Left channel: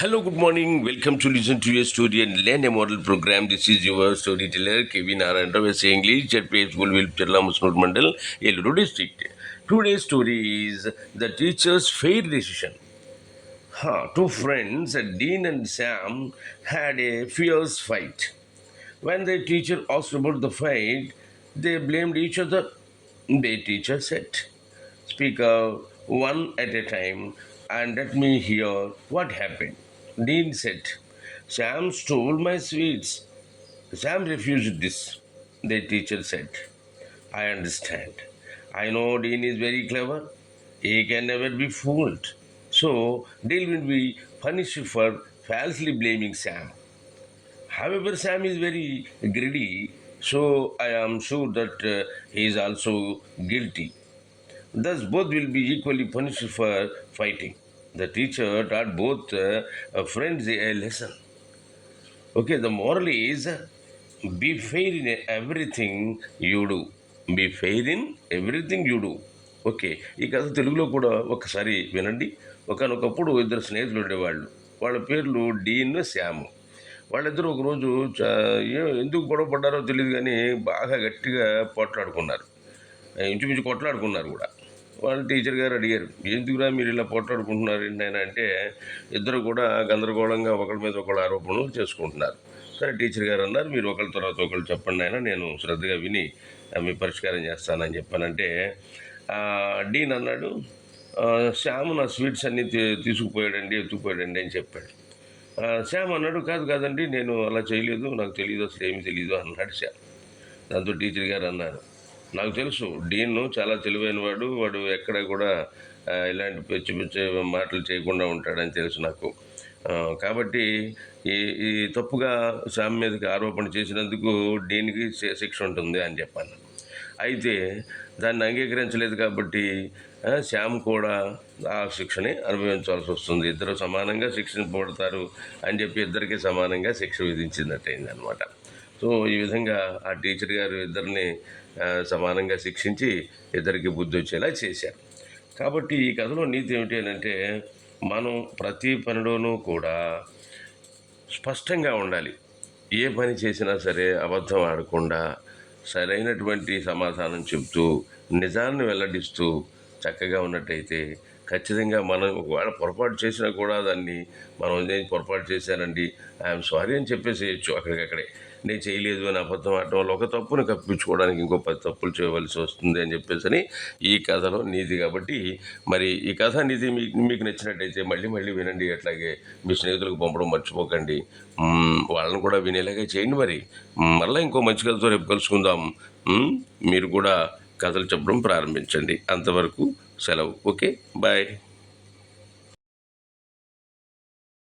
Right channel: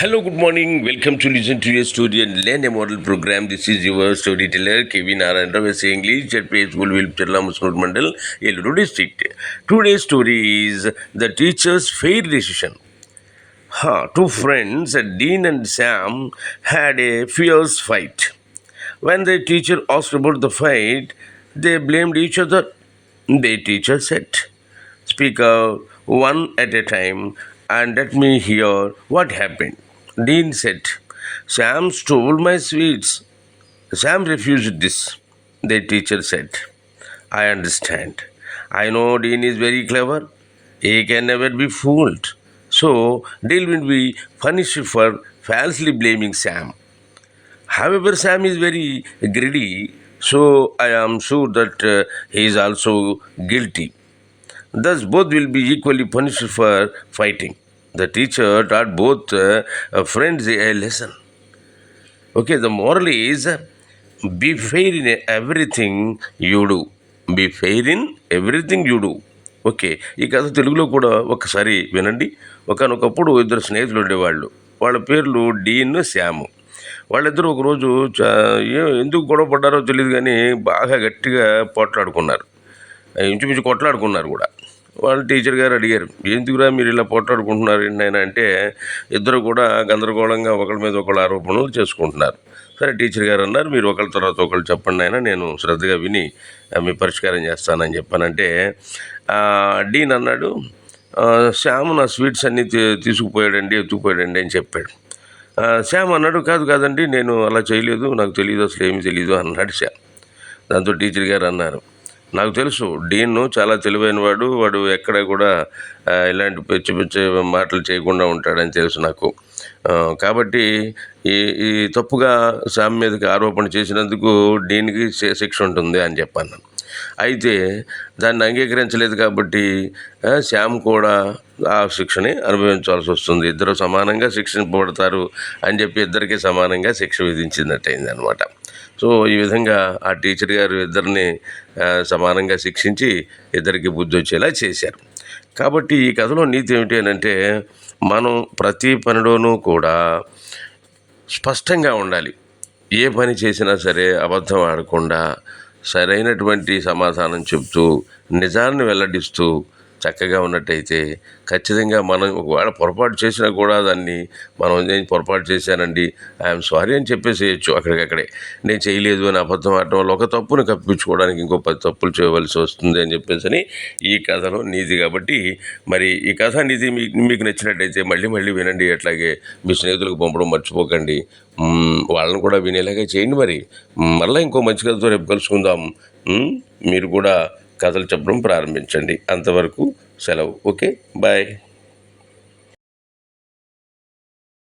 Hello, good morning. Welcome to listen to your story and learn a model program. This is your storyteller Kevin Narendra Vese English at Page School Vilpchalla Musnur Mandal, Eluru district. Today's story is the teacher's fair decision. Two friends, Dean and Sam, had a fierce fight. When the teacher asked about the fight, they blamed each other. The teacher said, "Speak out one at a time and let me hear what happened." Dean said, "Sam stole my sweets." Sam refused this. The teacher said, "I understand. I know Dean is very clever. He can never be fooled. So, Dean will be punished for falsely blaming Sam. However, Sam is very greedy, so I am sure that he is also guilty. Thus, both will be equally punished for fighting." The teacher taught both friends a lesson. Okay, the moral is be fair in everything you do. Be fair in everything you do. Okay, ఈ కథ తెలుగులో కూడా ఒకసారి వినండి. ఒకనొకప్పుడు ఇద్దరు స్నేహితులు ఉండేవాళ్ళు. వాళ్ళ పేర్లు డీన్, శ్యాము. వాళ్ళిద్దరూ ఒకరోజు ఎందుకు గొడవ పడ్డారో తెలియదు కానీ బాగా గట్టిగా పోట్లాడుకున్నారు. ఇంచుమించు కొట్లాడుకున్నారు కూడా. వాళ్ళ టీచర్ గారు అడిగారు, "ఎందుకురా మీరు ఇలా పోట్లాడుకుంటున్నారు ఏంటి నాయనా?" అంటే ఇద్దరు కూడా గందరగోళంగా ఒకరి మీద ఒకళ్ళు ఆరోపణలు చేసుకుంటున్నారు. సరే, టీచర్ గారు అన్నారు, "మీరు ఒకరి తర్వాత ఒకళ్ళు చెప్పండి నాయనా, నేను శ్రద్ధగా విని మీ పరిష్కారం చేస్తానని చెప్పానంటే." డీన్ అన్నాడు, "శ్యామ్ నా స్వీట్స్ అన్నీ తీసుకుపోయాడండి, ఎత్తుకుపోయాడండి" అని చెప్పాడు. శ్యామ్ అన్నాడు, కాదండి, నేను అలా చేయలేదు, నాకు తెలియదు, అసలు ఏమీ తెలియదు" అన్నాడు శ్యామ్. దాంతో టీచర్ గారు అన్నారు, "నాకు తెలుసు, డీన్ చాలా తెలివైన వాడు ఎక్కడ కూడా ఇలాంటి పిచ్చి పిచ్చి మాటలు చేయకుండా ఉంటాడని తెలుసు నాకు. కాబట్టి ఈ తప్పుగా శ్యామ్ మీదకి ఆరోపణ చేసినందుకు డీన్కి శిక్ష ఉంటుంది" అని చెప్పాను. అయితే దాన్ని అంగీకరించలేదు కాబట్టి శ్యామ్ కూడా ఆ శిక్షని అనుభవించాల్సి వస్తుంది. ఇద్దరు సమానంగా శిక్షింపబడతారు అని చెప్పి ఇద్దరికి సమానంగా శిక్ష విధించినట్టయింది అనమాట. సో ఈ విధంగా ఆ టీచర్ గారు ఇద్దరిని సమానంగా శిక్షించి ఇద్దరికి బుద్ధి వచ్చేలా చేశారు. కాబట్టి ఈ కథలో నీతి ఏమిటి అని అంటే, మనం ప్రతి పనిలోనూ కూడా స్పష్టంగా ఉండాలి. ఏ పని చేసినా సరే అబద్ధం ఆడకుండా సరైనటువంటి సమాధానం చెబుతూ నిజాన్ని వెల్లడిస్తూ చక్కగా ఉన్నట్టయితే ఖచ్చితంగా మనం ఒకవేళ పొరపాటు చేసినా కూడా దాన్ని మనం నేను పొరపాటు చేశానండి, ఐఎమ్ సారీ అని చెప్పేసేయచ్చు అక్కడికక్కడే. నేను చేయలేదు అని అబద్ధం ఆడటం వల్ల ఒక తప్పును కప్పించుకోవడానికి ఇంకో 10 తప్పులు చేయవలసి వస్తుంది అని చెప్పేసి ఈ కథలో నీతి. కాబట్టి మరి ఈ కథ నీతి మీకు నచ్చినట్టయితే మళ్ళీ మళ్ళీ వినండి. అట్లాగే మీ స్నేహితులకు పంపడం మర్చిపోకండి. వాళ్ళని కూడా వినేలాగా చేయండి. మరి మళ్ళీ ఇంకో మంచి కథతో రేపు కలుసుకుందాం. మీరు కూడా కథలు చెప్పడం ప్రారంభించండి. అంతవరకు సెలవు. Okay, bye.